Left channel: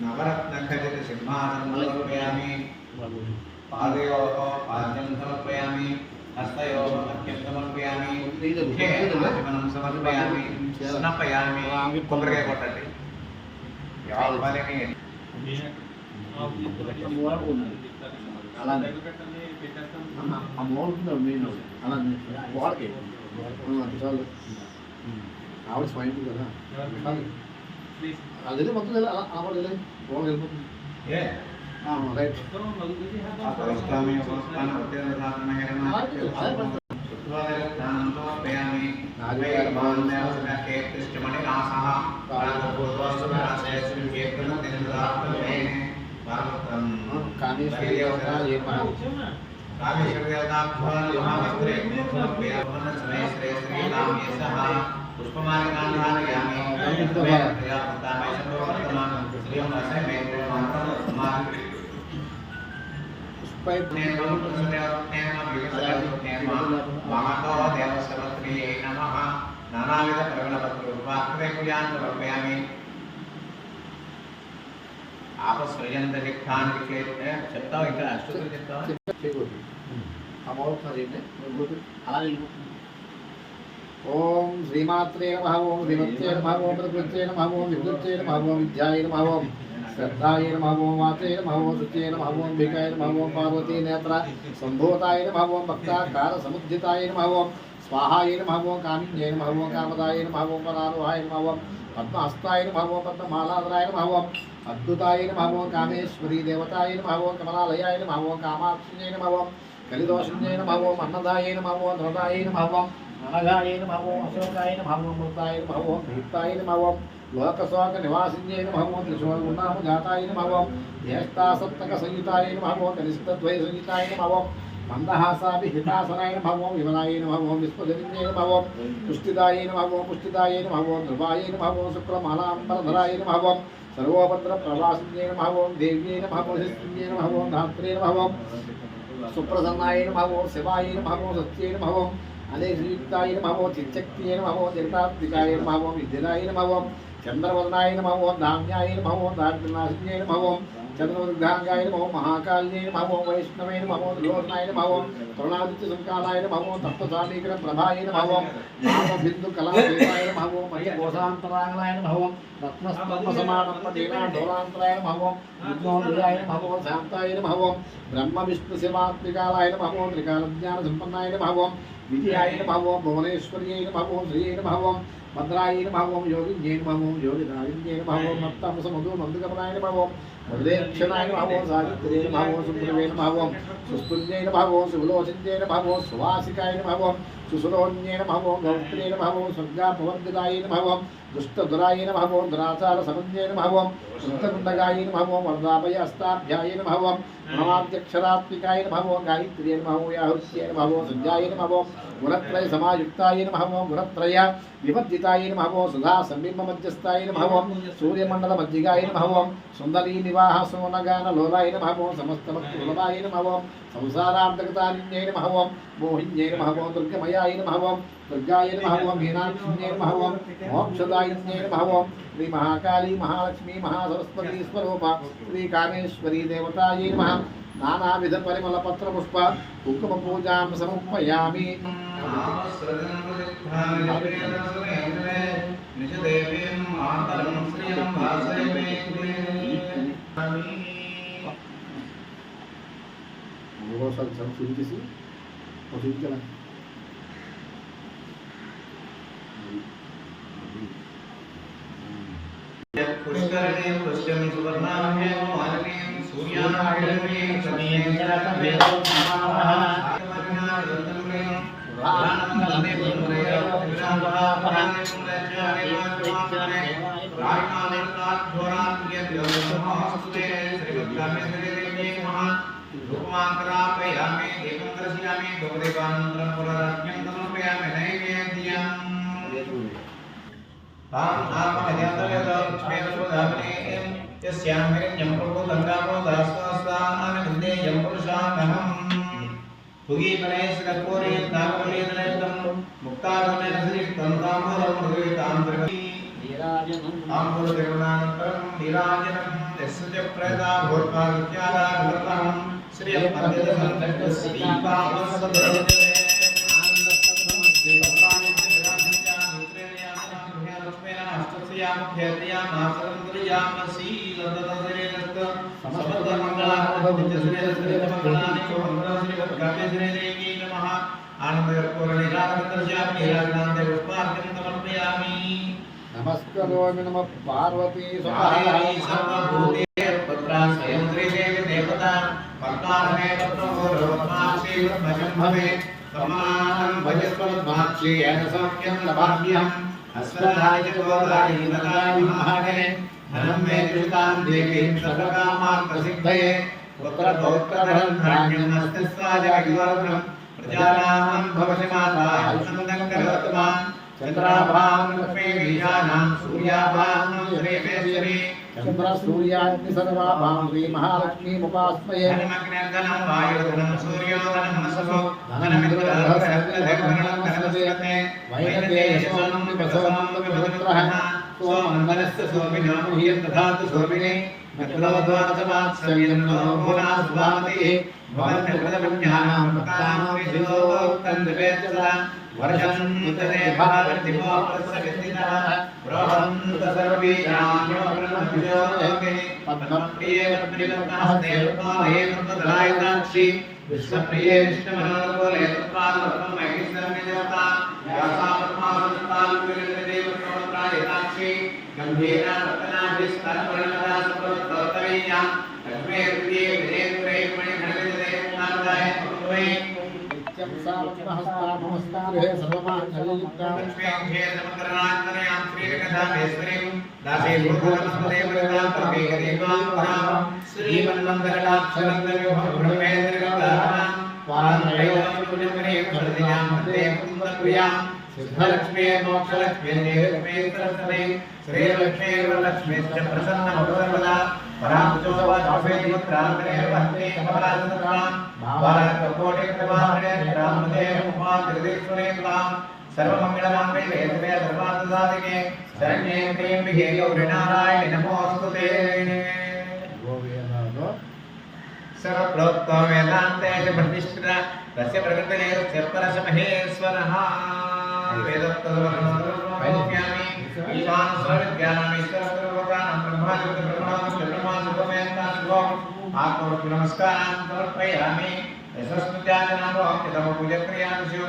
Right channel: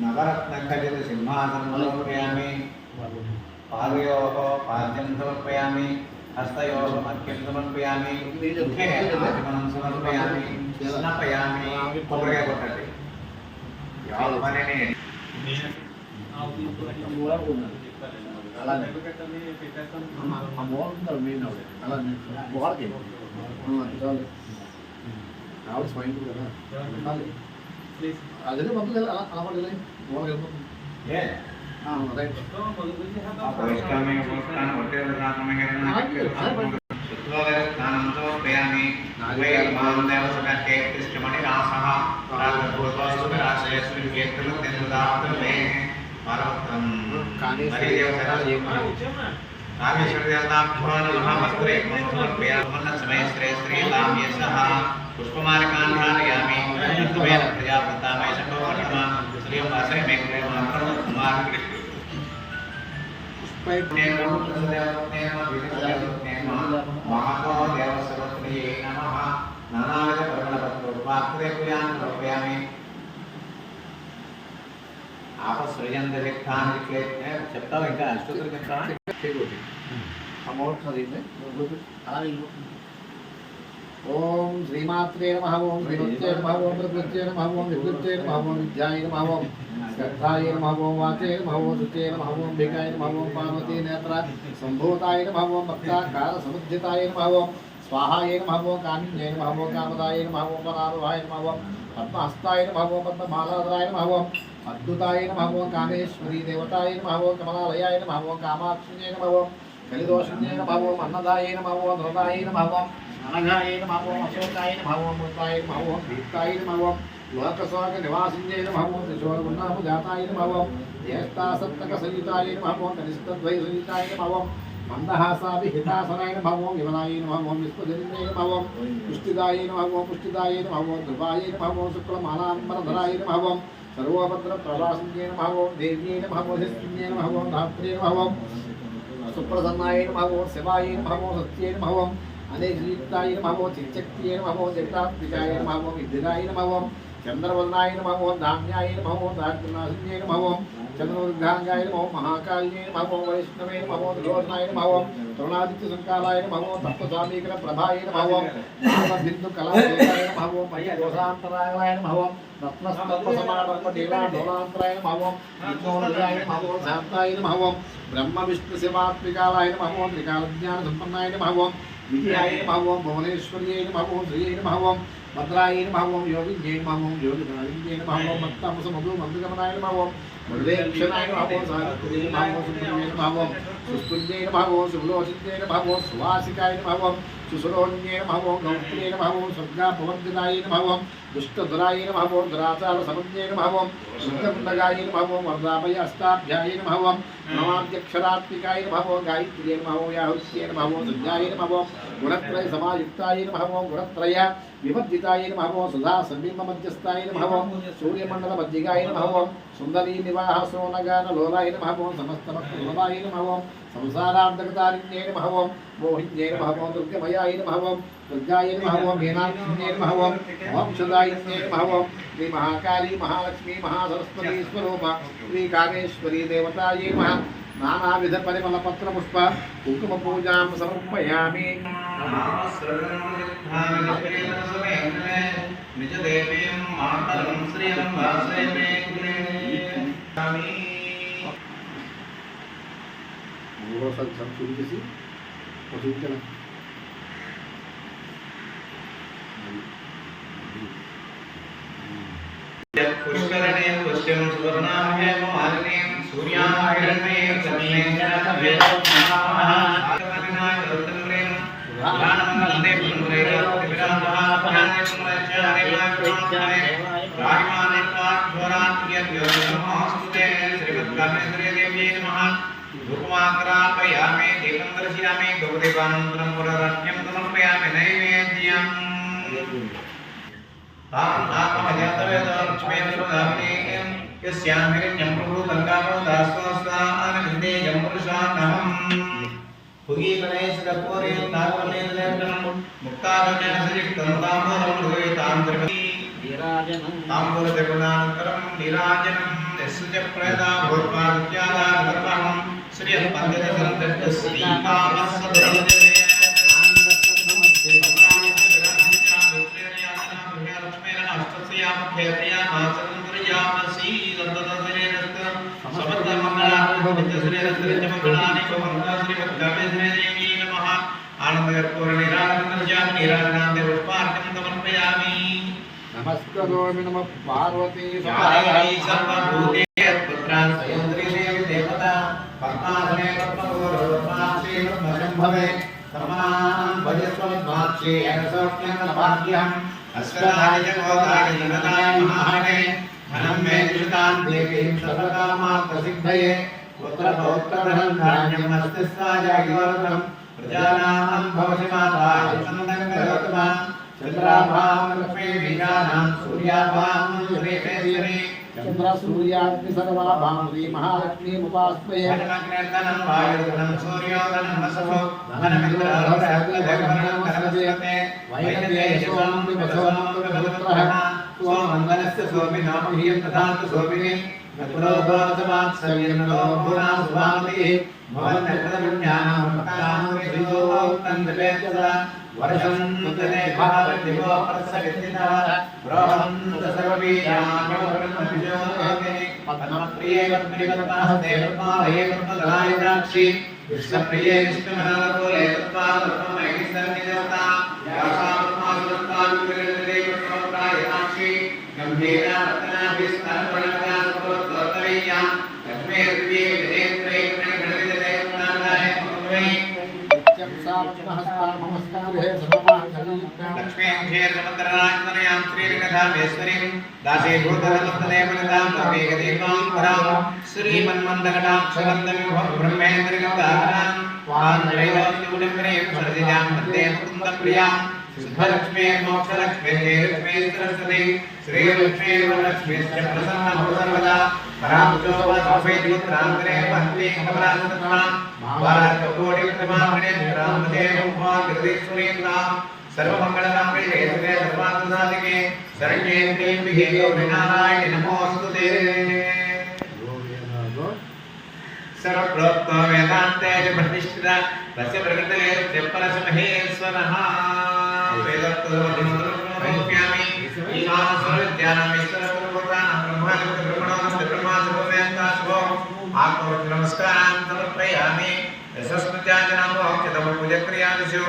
नवरत्नखचित सिंहासनं समर्पयामि पादयोः पाद्यं समर्पयामि हस्तयोः अर्घ्यं समर्पयामि मुखे आचमनं समर्पयामि स्नापयामि कोबरे कोट्टट्टि यावने అలానే అమౌంట్ మెయిన్ అలానే వాడికి చాలు ఆవిడ స్మైల్ కదా అదే మొత్తం ఆవిడ లోన్ వెళ్ళిపోతుంది రైట్ अपरिष्कामेन उपस्थानं वर्तेरदानमेन सुत्वागरस्थानं समर्पयामि नागैर्मान्देव सकटे कृष्णमणिरासः राजपूर्वस्वराजयस्मिन् केत्रमतिर्दाप्तमे पार्वतं कामेश्वरदेवताभ्यो नमः वस्त्रे समर्पयामि समय श्रेय श्रीलाम्यसः पुष्पमालिकान् धारयामि तमेन प्रजापतामे शम्भवर्तमान श्रियं वासय मे कुर्मात्रं कुमार नानाविध प्रगणपत्रयामि आपसृजंत लिखान के చెప్తావు ఇంకా అష్టోత్తరం చెప్తావా అమౌంట్ చదివితే అలా ఓం శ్రీమాత్రే నమః ఓం శ్రీమత్యే నమః ఓం ప్రకృత్యే నమః ఓం విద్యుత్యే నమః ఓం విద్యాయ నమః ఓం श्रद्धाय नमः ओं वाचे नमः ओं शुचे नमः ओं भिकाय नमः ओं पार्वती नेत्र संभूताय नमः ओं भक्ताकार समुद्धिताय नमः ओं स्वाहाय नमः ओं कामिन्ये नमः ओं कामदाय नमः ओं पराभवाय नमः ओं पद्महस्ताय नमः ओं पद्ममालाधराय नमः ओं अद्भुताय नमः ओं कामेश्वरी देवताय नमः ओं कमलालयाय नमः ओं कामाक्षिण्ये नमः ओं कलिदोषिण्ये नमः ओं अन्नदाय नमः ओं धृताय नमः ओं अनघाय नमः ओं अशोकाय नमः ओं मृताय नमः ओं भीताय नमः ओं लोकस्वाग निवासिन्ये नमः ओं त्रिशूलगुण्डापजाताय नमः ओं ज्येष्ठासप्तकसंयुताय नमः ओं कनिष्ठद्वयसंयुताय नमः ओं मन्दहासाभिहितासनाय नमः ओं यवनाय नमः ओं विश्वजन्ये नमः ओं पुष्टिदाय नमः ओं पुष्टिदाय नमः ओं ध्रुवाय नमः ओं शुक्रमालाम्बरधराय नमः ओं सर्वभद्रप्रवासिन्ये नमः ओं देव्यै नमः ओं हिस्त्रिण्ये नमः ओं धात्रे नमः ओं सुप्रसन्नाय नमः ओं शिवाय नमः ओं सत्ये नमः ओं अनेकयुक्ताय नमः ओं चिच्चक्तिये नमः ओं जगदाम्बिकाय नमः ओं विद्युदाय नमः ओं चंद्रवर्णाय नमः ओं धाम्याय नमः ओं दारिद्र्यनाशिन्ये नमः ओं चंद्रमृगांगाय नमः ओं महाकाल्ये नमः ओं वैष्णवे नमः ओं त्रिलोचनाय नमः ओं तरुणादित्यसंकालाय नमः ओं तत्त्वसामीकरण प्रभाय नमः ओं नामबिन्दुकलादेशाय नमः ओं मयकोशान्तरागाय नमः ओं रत्नस्तम्भसमानम्बदेवाढोलान्तराय नमः ओं विद्योनुराय नमः ओं शान्ताय नमः ओं ब्रह्मविष्णुशिवात्मिकालाय नमः ओं त्रिकालज्ञानसम्पन्नाय नमः ओं विद्याय नमः ओं भुवनेश्वर्यै नमः ओं श्रियै नमः ओं भद्राय नमः ओं योगिन्ये नमः ओं योगिधारिण्ये नमः ओं मत्तमसमधुमधुकरणाय नमः ओं वरदेक्षणाय नमः ओं सावित्र्यै नमः ओं सुब्रह्मण्ये नमः ओं सुस्तुल्ये नमः ओं सुलोचन्ये नमः ओं सुवासिकाय नमः ओं सुसुलोन्ये नमः ओं गौत्र्ये नमः ओं स्वर्गाभवन्दिताय नमः ओं दुष्टधुराय नमः ओं दुराचारसमन्ये नमः ओं शुद्धकुण्डगाय नमः ओं वरदाभय हस्ताभ्याय नमः ओं नमाद्यक्षरात्मिकाय नमः ओं गायत्र्ये नमः ओं याहुस्ये नमः ओं सञ्जाय नमः ओं गुणत्रय समायुक्ताय नमः ओं गुणत्रय विवर्जिताय नमः ओं सदा संबिम्बमध्यस्थाय नमः ओं सूर्यमण्डलमध्यगाय नमः ओं सुन्दरी निवाहसोनगान लोलाय नमः ओं समस्तमत्कुलनाय नमः ओं संसारार्धकतारिण्ये नमः ओं मोहिन्ये नमः ओं दुर्गमयाय नमः ओं दुर्गाय नमः ओं मीनाक्षिण्ये नमः ओं मोक्षदायिन्ये नमः ओं श्री महाकाली महालक्ष्मी महासरस्वती स्वरूपा श्री कामेश्वरी देवतायै नमः नानाविध परिमल पत्र पुष्प कुंकुम पूजां समर्पयामि निज देवीं मातरं श्रियं वासये पुष्करणे पुष्टिं सुवर्णाभ्ये मालिनीं सूर्याग्रमे समीये जलकव्येतमाः आत्मनाय रत्नप्रेम प्राणं वन्दे पुनरेकविरामः पहाने पुनरचारे मात्रे राजमाने पाठोरात्म्यव्योमोस्ते श्रीमद्कामेश्वरी देव्यै नमः धूपमाकरापयामि दीपं दर्शयामि धूपदीपानन्तरं पुनरर्घ्यं समर्पयामि नैवेद्यम् ताम् आत्मजातवेदो लक्ष्मीर्वदामिनीं यस्यां हिरण्यं प्रभूतङ्गामो दास्वास्वानविन्देयं पुरुषान्नहम् भुगीगणेशपूरीं नागवनेन्द्रेन्द्रं मुक्तागणेन श्रीष्टं ताम्बूलं मृगयुतां त्रिपदी ताम्बूलतिरुणानन्तरं नीराजनं यस्य च प्रेता भूर्वादित्यादागतम् श्रियपद्यसन्तस्तीपामस्सदृढे नमस्करोमि नमः पार्वती देवता पद्मासने भवे सम्मानं भजस्वद्वाक्ष्येन सौख्यं लभाभ्यहम् अस्वदाय गोदाय निगताय महाने धनं मे दुरितां देवीं सर्वकामार्थसिद्धये पुत्रपौत्रधनं धान्यम् अस्तिस्वाय युवरत्नं प्रजानां भवसि माता सुन्दं करोतु मां चन्द्राभां लक्ष्मी बीजानां सूर्याभां श्रीकेश्वरी चंद्र सूर्याग्नि सर्वाभां श्री महालक्ष्मीमुपास्महे धनमग्निर्धनं वायुर्धनं सूर्योधनं नसवो धनमिन्द्रधनमस्ते वैनतेयसों विमसोऽन्विपुत्रः स्वमङ्गलस्य सोऽपिनामह्यं तथातु सोऽपिने नकुलोद्वादवात्सल्यन्नो भुवनासुभावतिः भवन्यकृतपुण्यानां भक्तानां विदुरोक्तन्निवेद्यता वर्षं मुदने भारतिमो प्रसवितिनः बृहन्त सर्वबीजान्योर्ब्रह्मविजोगे पद्मप्रिये पद्मनिकर्ताहस्ते पद्मालये पद्मदलायिताक्षी विश्वप्रिये विष्णुमनोरकोले तत्त्वात्मैः सन्निधत्ता यासा पद्मासुरत्तालुकिरीडते पद्मप्रायिताक्षी गम्भीरा रत्नाभिस्तनवर्णकथा सुप्रवत्तवीया लक्ष्मे दिव्ये विजयत्रे मणिगणविदते नामदाय पद्मवै लक्ष्मीं श्रीकथामेश्वरीं दासे भूतनमस्तदे पुरतां तर्वेकदेवां परां श्रीमन्मन्दकटाक्षरन्दविभं ब्रह्मेन्द्रगन्धारां वान्दैवस्यूलग्रे सर्जितां वन्दे मुकुन्दप्रियां सिद्धलक्ष्मीं मोक्षलक्ष्मीं सरस्वती श्रीलक्ष्मीर्वरलक्ष्मीश्च प्रसन्नभव सर्वदा परामुचोपसुभेदित्रान्तरे वन्दे कमलासनत्रां भारतकोटिप्रतिमागणेन्द्रामदेवोपाकृतेश्वरीन्दां सर्वमङ्गलमाङ्गल्ये शिवे सर्वार्थसाधिके शरण्ये त्र्यम्बिके गौरि नारायणि नमोऽस्तुते सर्वप्रोक्तो वेदान्ते च प्रतिष्ठिता तस्य प्रकृतिरेस्य परसमहेश्वरः वेदत्तमन्त्रमोक्ष्यामि ईशान सर्वविद्यानाम् ईश्वरस्वरूपाणां ब्रह्मादिब्रह्मणोऽस्ति ब्रह्मादिभूमेऽन्ताशुभो आत्मवचनमस्कारान् समर्पयामि यशस्मृत्याजनां भोक्त्यतमपूजक्रियादिषु